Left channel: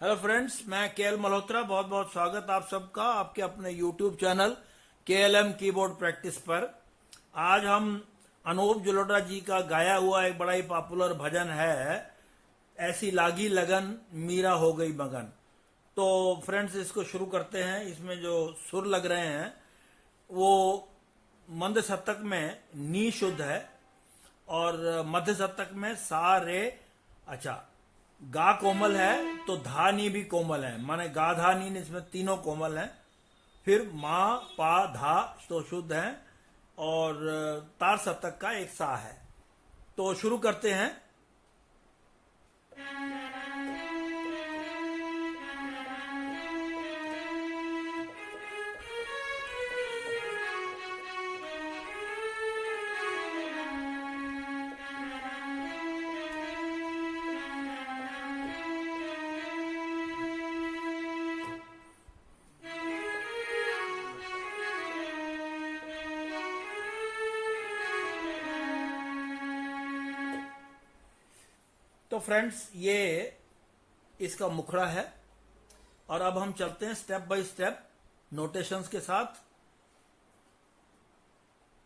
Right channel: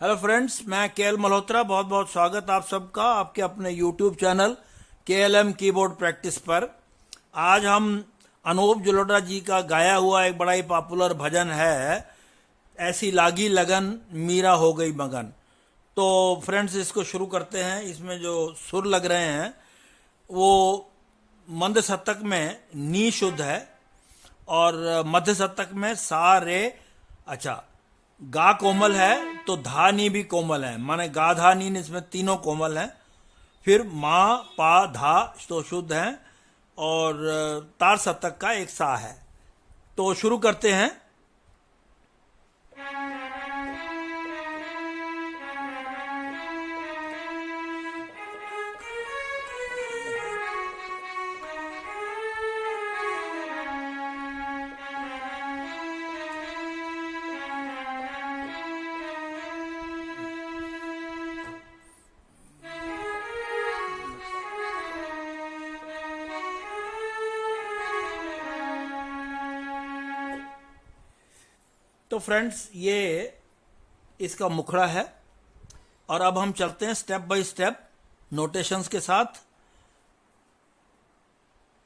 Hello friends, मैं KL Malhotra. बहुत बहुत स्वागत आप सबका आपके अपने YouTube channel KLM keyboard practice पर। आज हम अनूप जलोटा जी का गाया हुआ एक बड़ा ही पॉपुलर भजन है, ऐसी लागी लगन मीरा हो गई मगन। तो फ्रेंड्स, इसको शुरू करते हैं। इसमें जो सुर लग रहे हैं वो मंद शतक में नी शुद्ध है और मध्य शतक में सा रे। अच्छा, गा कोमल है तो धा नी भी कोमल है, माने गा धा नी इसमें तीनों कोमल हैं। फिर मा पा धा तो शुद्ध है और तार शतक का एक सा है। तो शुरू करते हैं। तो फ्रेंड्स, ये इसका मुखड़ा है और अब हम चलते हैं स्टेप बाय स्टेप नोटेशंस के साथ।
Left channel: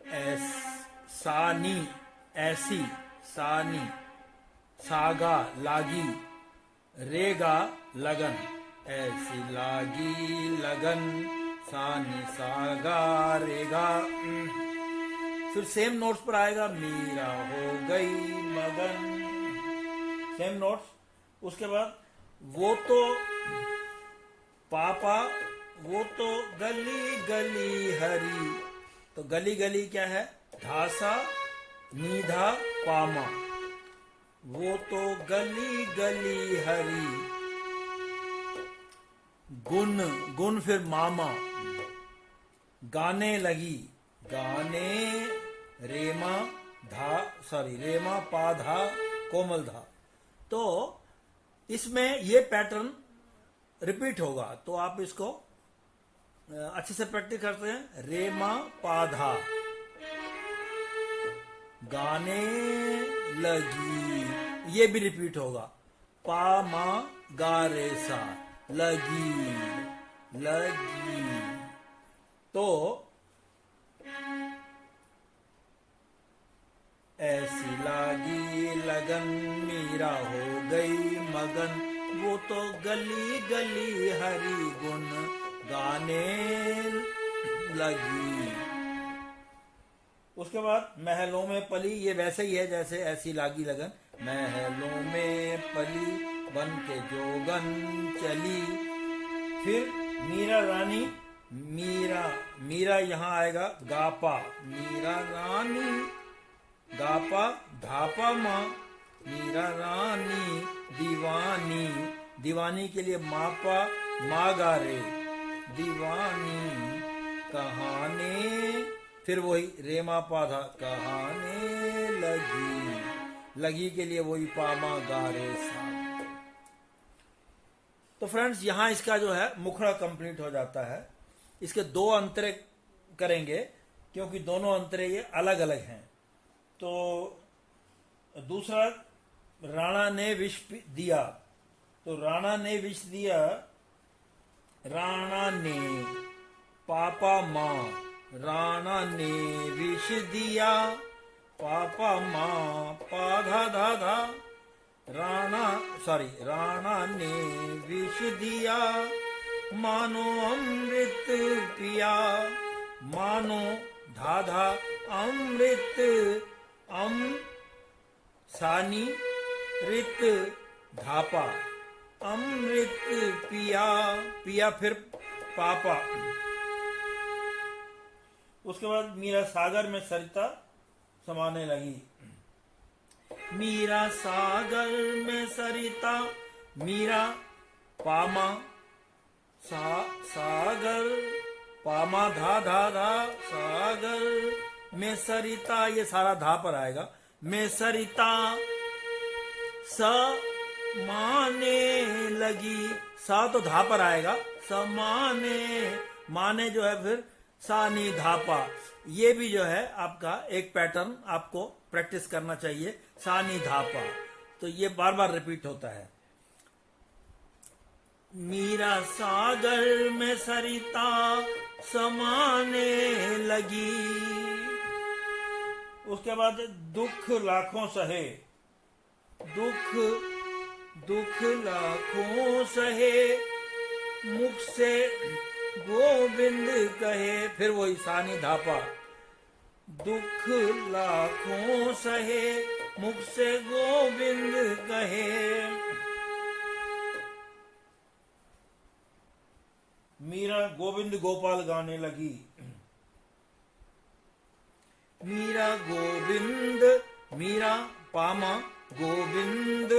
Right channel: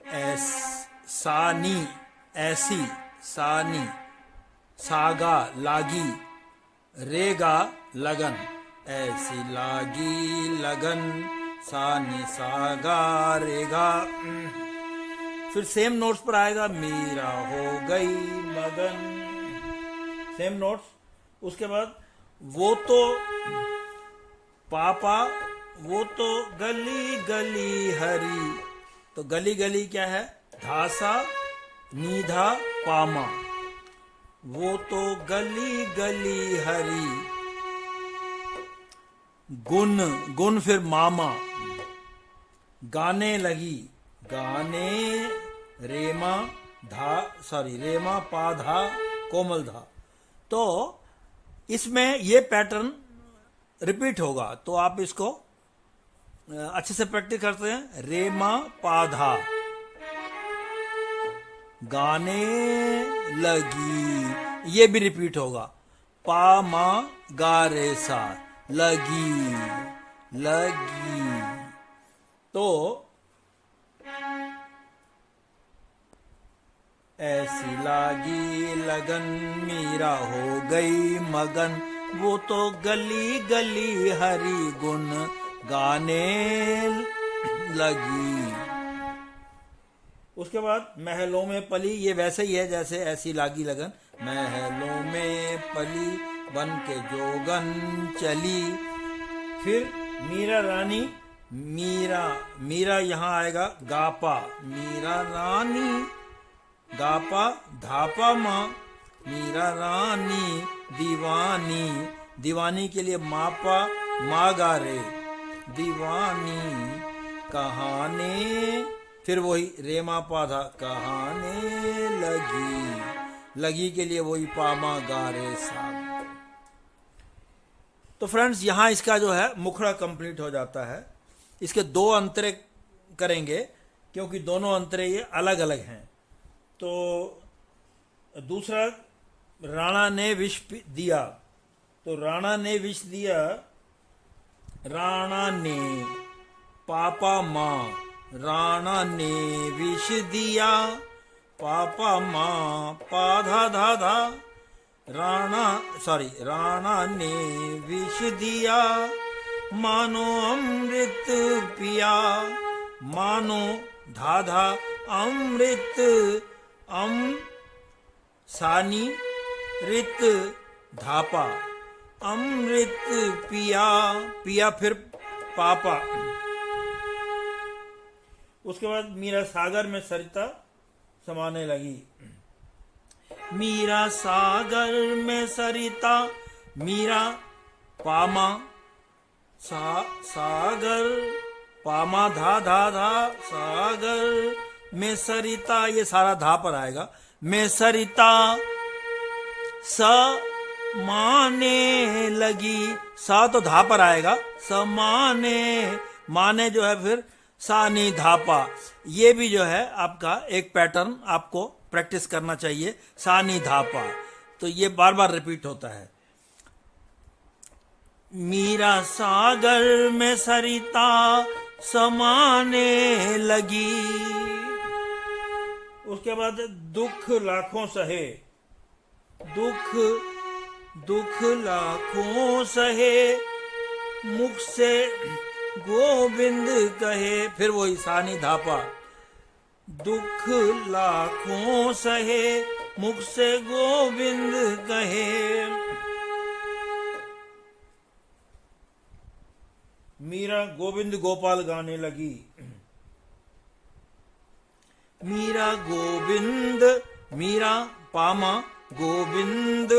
एस सानी, ऐसी, सानी, सागा लागी, रेगा लगन, ऐसी लागी लगन, सानी सागा रेगा। फिर सेम नोट्स पर आएगा मीरा हो गई मगन, सेम नोट्स। उसके बाद वो तो पापा, वो तो गली गली हरी। तो गली गली क्या है? धासा नीधा पामा। वो तो गली गली हरी। गुन, गुन फिर मामा। गाने लगी, गाने रेमा धा, सॉरी रेमा पा धा कोमल धा। तो इसमें ये पैटर्न रिपीट होगा, तो आप इसको अच्छे से प्रैक्टिस करते हैं। रेमा पाधा, गाने लगी, ये भी रिपीट होगा। पा मा गा रे सा, लगी लगी। तो ऐसी लागी लगन मीरा हो गई मगन, वो तो गली गली हरी गुन गाने लगी। उसके बाद महलों में पली, ये वैसे ही है जैसे ऐसी लागी लगन। महलों में पली बन के जोगन चली। फिर मीरा रानी, मीरा, मीरा यहां आएगा गापा, मीरा रानी, गापा धापा माँ, मीरा रानी दीवानी। दीवानी के लिए मापा मा गा रे, दीवानी कहाने। फिर वही रे मा पा धा, कहाने लगी, लगी के लिए वही पा मा गा रे सा। तो फ्रेंड्स, यहां इसका जो है मुखड़ा कंप्लीट हो जाता है। इसके दो अंतरे करेंगे क्योंकि दोनों अंतरे ये अलग अलग हैं। तो दूसरा, राणा ने विष दिया। तो राणा ने विष दिया, राणा ने पापा माँ, राणा ने विष दिया, पापा माँ पाधा धा धा। राणा ने विष दिया, मानो अमृत पिया, मानो धाधा अमृत, अम सानी रित धापा, अमृत पिया, पिया फिर पापा। उसके बाद मीरा सागर में सरिता समाने लगी। मीरा सागर में सरिता, मीरा पामा सागर, पामा धा धा धा, सागर में सरिता, ये सारा धा पर आएगा। में सरिता समाने लगी, सा तो धा पर आएगा। समाने, माने जो है फिर सा नी धापा। ये भी जो है आपका एक पैटर्न आपको प्रैक्टिस करना चाहिए, सा नी धापा। तो ये बार बार रिपीट होता है। मीरा सागर में सरिता समाने लगी। उसके बाद दुख लाखों सहे, दुख दुख लाखों सहे, मुख से गोविंद कहे। फिर वही सानी धापा, दुख लाखों सहे, मुख से गोविंद कहे। मीरा गोविंद गोपाल गाने लगी। मीरा गोविंद, मीरा पामा गोविंद,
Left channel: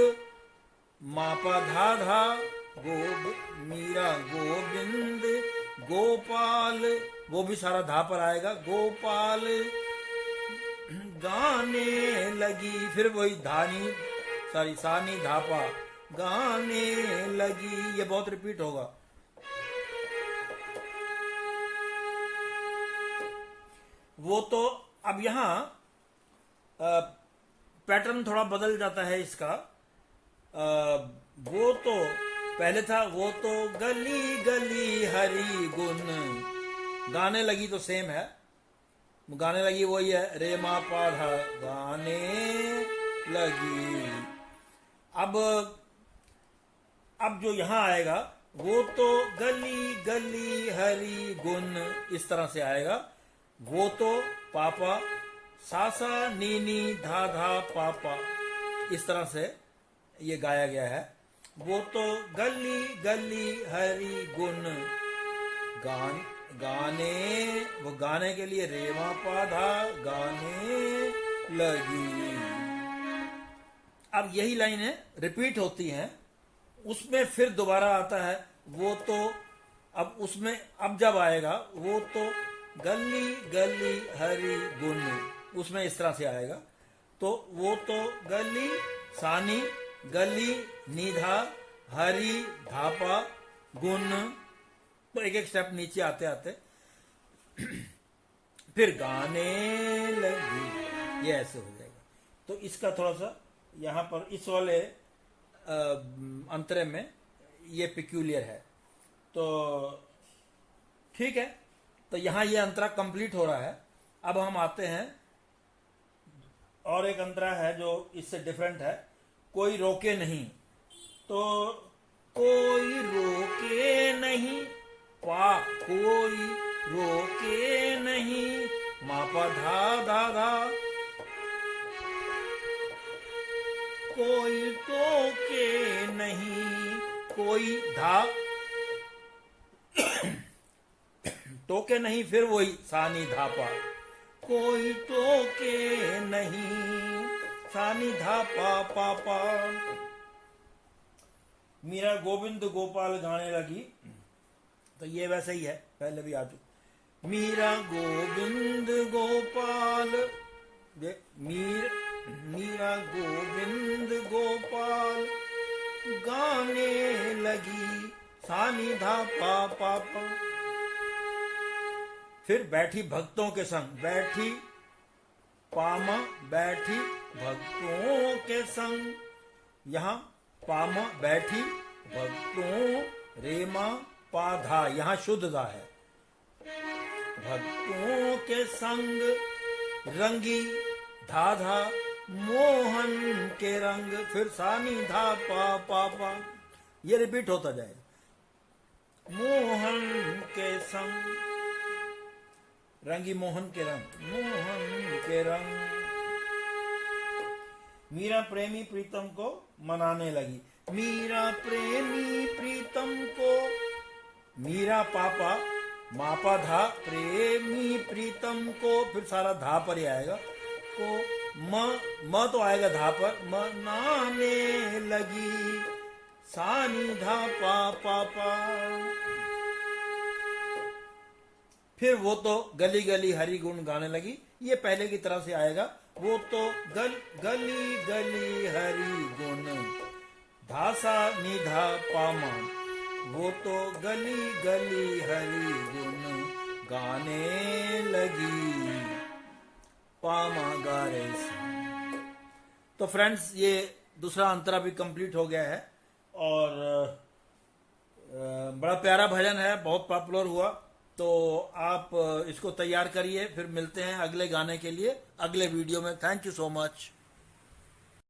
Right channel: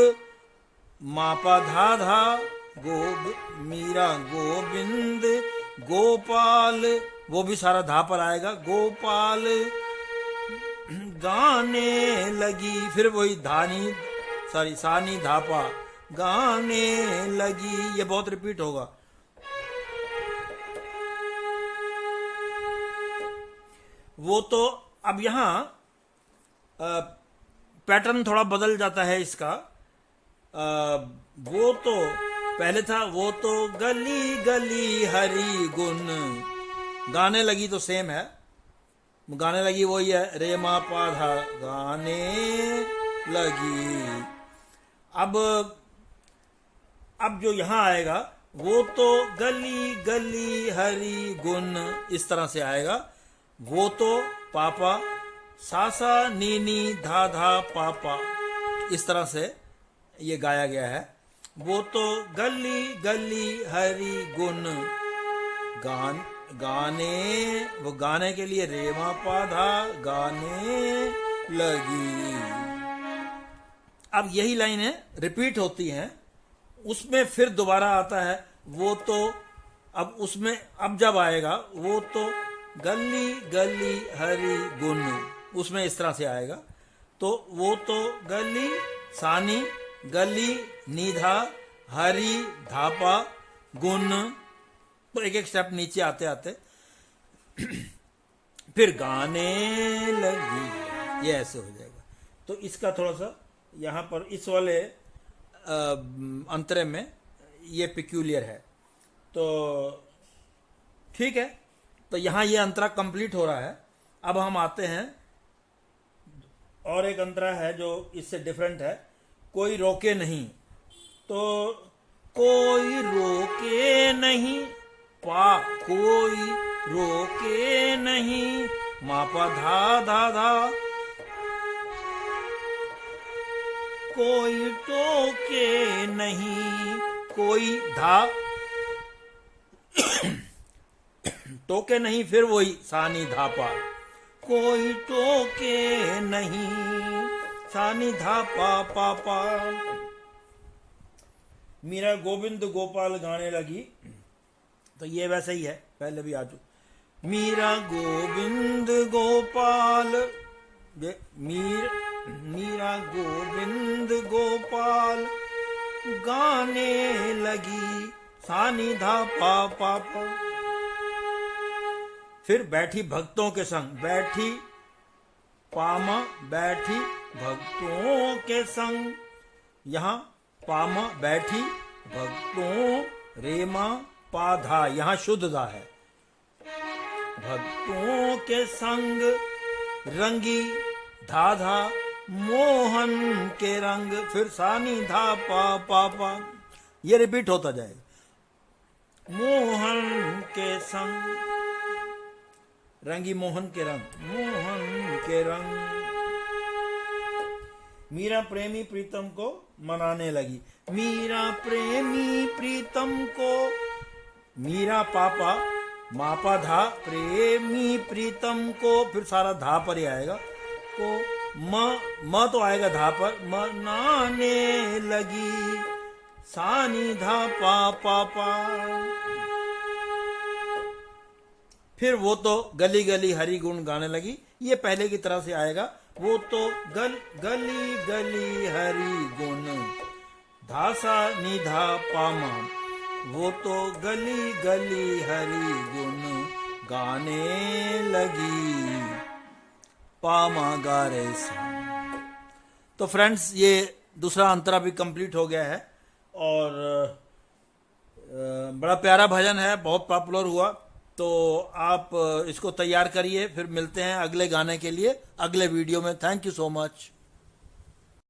मापा धा धा, मीरा गोविंद गोपाल, वो भी सारा धा पर आएगा, गोपाल गाने लगी। फिर वही धानी सॉरी सानी धापा, गाने लगी। ये बहुत रिपीट होगा। वो तो अब यहाँ पैटर्न थोड़ा बदल जाता है इसका। वो तो पहले था, वो तो गली गली हरी गुन, गाने लगी तो सेम है, गाने लगी वही है, रे मा पा धा, गाने लगी। अब जो यहाँ आएगा, वो तो गली गली हरी गुन, इस तरह से आएगा। वो तो पापा, सासा नीनी धा धा पापा, इस तरह से ये गाया गया है। वो तो गली गली हरी गुन, गाने, वो गाने के लिए रेवा पाधा, गाने लगी। अब यही लाइनें रिपीट होती हैं, उसमें फिर दोबारा आता है वो तो। अब उसमें अब जब आएगा वो तो गली गली हरी गुन, उसमें इस तरह से आएगा। तो वो तो गली सानी, गली निधा, हरी धापा, गुन, तो एक एक स्टेप नीचे आते आते फिर गाने लगी, ये ऐसे हो जाएगा। तो इसका थोड़ा सा यहाँ पर इस वाले अंतरे में ये पिक्यूलियर है। तो ठीक है, तो यहाँ ये अंतरा कंप्लीट हो रहा है। अब हम आते हैं, और एक अंतरा है जो इससे डिफरेंट है, कोई रोके नहीं। तो कोई रोके नहीं, पा कोई रोके नहीं, मापा धा धा धा, कोई टोके नहीं, कोई धा टोके नहीं, फिर वही सानी धापा, कोई टोके नहीं, सानी धापा पापा। मीरा गोविंद गोपाल गाने लगी। तो ये वैसे ही है, पहले भी आ चुका। मीरा गोविंद गोपाल, ये मीरा गोविंद गोपाल गाने लगी, सानी धापा पापा। फिर बैठी भक्तों के संग, बैठी पामा, बैठी भक्तों के संग, यहाँ पामा बैठी भक्तों, रेमा पाधा, यहाँ शुद्ध धा है, भक्तों के संग रंगी धाधा, मोहन के रंग। फिर सानी धा पा पापा, ये रिपीट होता जाएगा। मोहन के संग रंगी, मोहन के रंग, मोहन के रंग। मीरा प्रेमी प्रीतम को मनाने लगी। मीरा प्रेमी प्रीतम को, मीरा पापा मापा धा, प्रेमी प्रीतम को, फिर सारा धा पर ही आएगा। को म तो आएगा धा पर, मनाने लगी, सानी धा पा पापा। फिर वो तो गली गली हरी गुण गाने लगी, ये पहले की तरह से आएगा। वो तो गली गली हरी गुण, धासा निधा पामा, वो तो गली गली हरी गुण गाने लगी, पामा गा रहे सा। तो फ्रेंड्स, ये दूसरा अंतरा भी कंप्लीट हो गया है। और बड़ा प्यारा भजन है, बहुत पॉपुलर हुआ। तो आप इसको तैयार करिए, फिर मिलते हैं अगले गाने के लिए अगले वीडियो में। Thank you so much.